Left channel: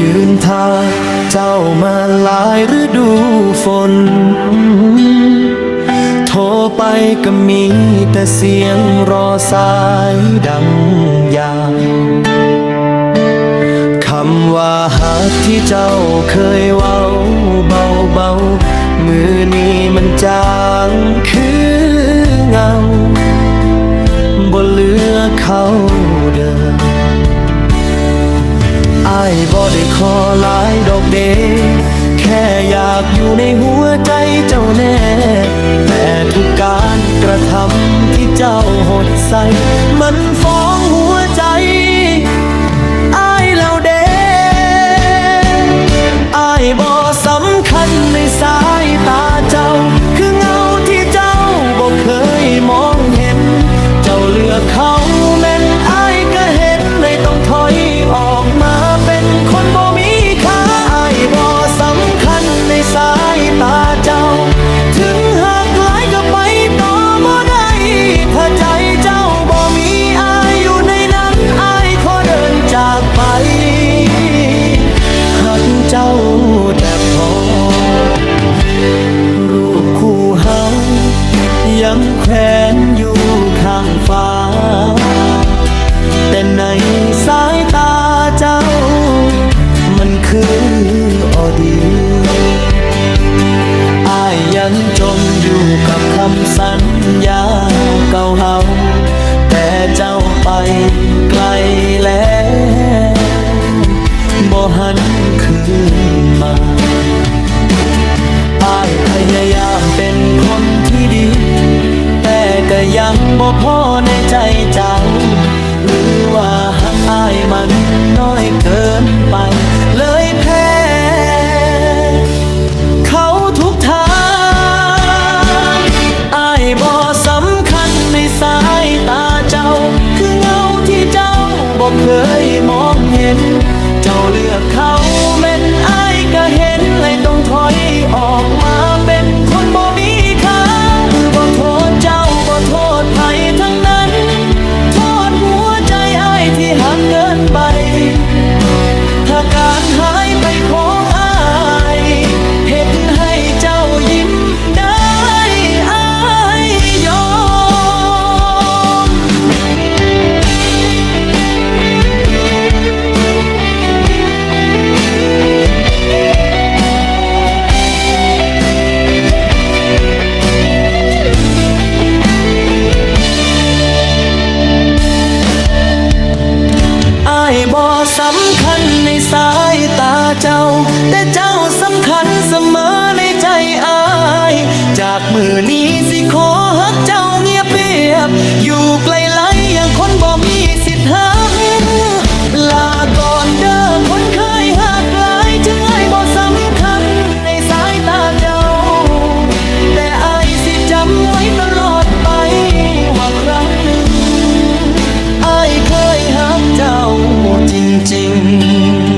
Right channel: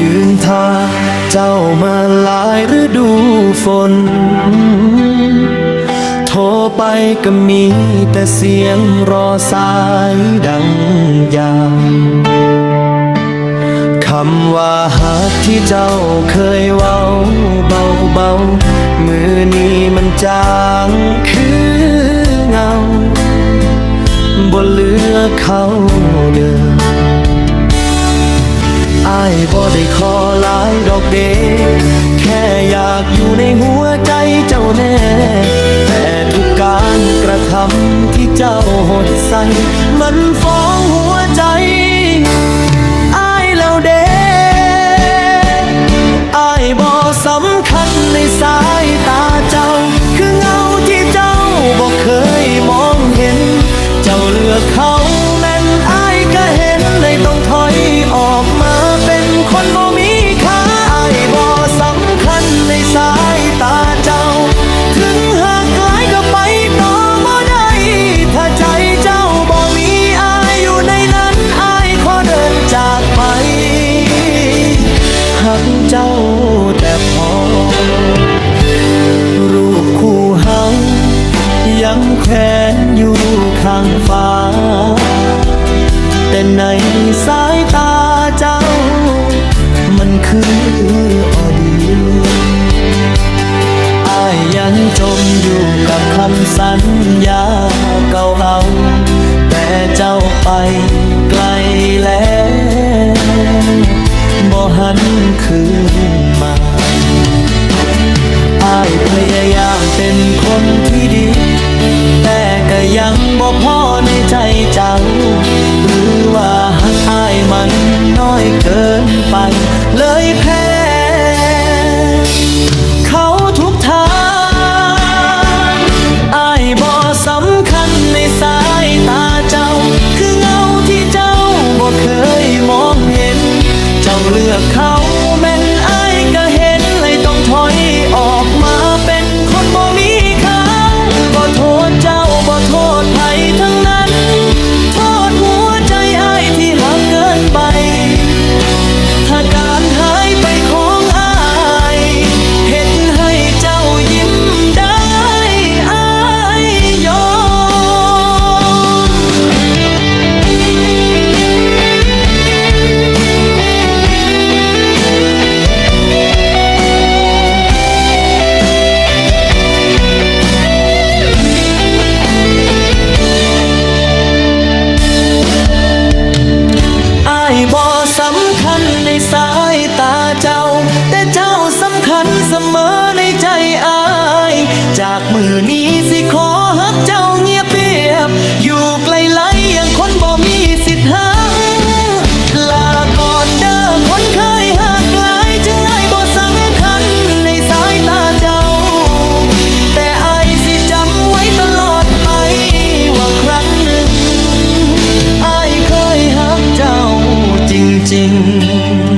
ยืนทา เจ้ามาหลายฤดูฝน โทรไปก็มีแต่เสียงรอสายดังยาวคำว่าหักที่เจ้าเคยเว้าเบาเบามือนี้มันจางคือเงาบ่เลือเขาเดิม อายบ่ได้ขอหลายดอกเดแค่อยากอยู่ในหัวใจเจ้าแน่ แต่ทุกการกระทำที่เจ้าหดใส่มันฟ้องหัวใจอายแล้วเดอายบ่สำคัญในสายตาเจ้า คือเงาที่เจ้าบ่เคยมองเห็น เจ้าเลือกเขา เจ้าแต่พอ รูปคู่เฮายังแขวนอยู่ข้างฟ้า แต่ในสายตาเจ้า มันคืออดีตอายยังจมอยู่กับคำสัญญาเก่าเฮาแต่เจ้าไปไกลแล้ว คืนมาอายพยายามเป็นคนที่ดี แต่ก็ยังบ่พอในใจเจ้า หรือว่าหักอายมันน้อยเกินไป เลยแพ้ เขาทุกทางอายบ่สำคัญในสายตาเจ้า คือเงาที่เจ้าบ่เคยมองเห็น เจ้าเลือกเขาเป็นอ ไม่บ่สำคัญในสายตาเจ้า แต่เจ้าสำคัญเสมอในใจอาย จากมือนี้สิขอฮักเจ้าเงียบเปียบ อยู่ไกลไลอย่างคนบ่มีสิทธิ์หักลา 静。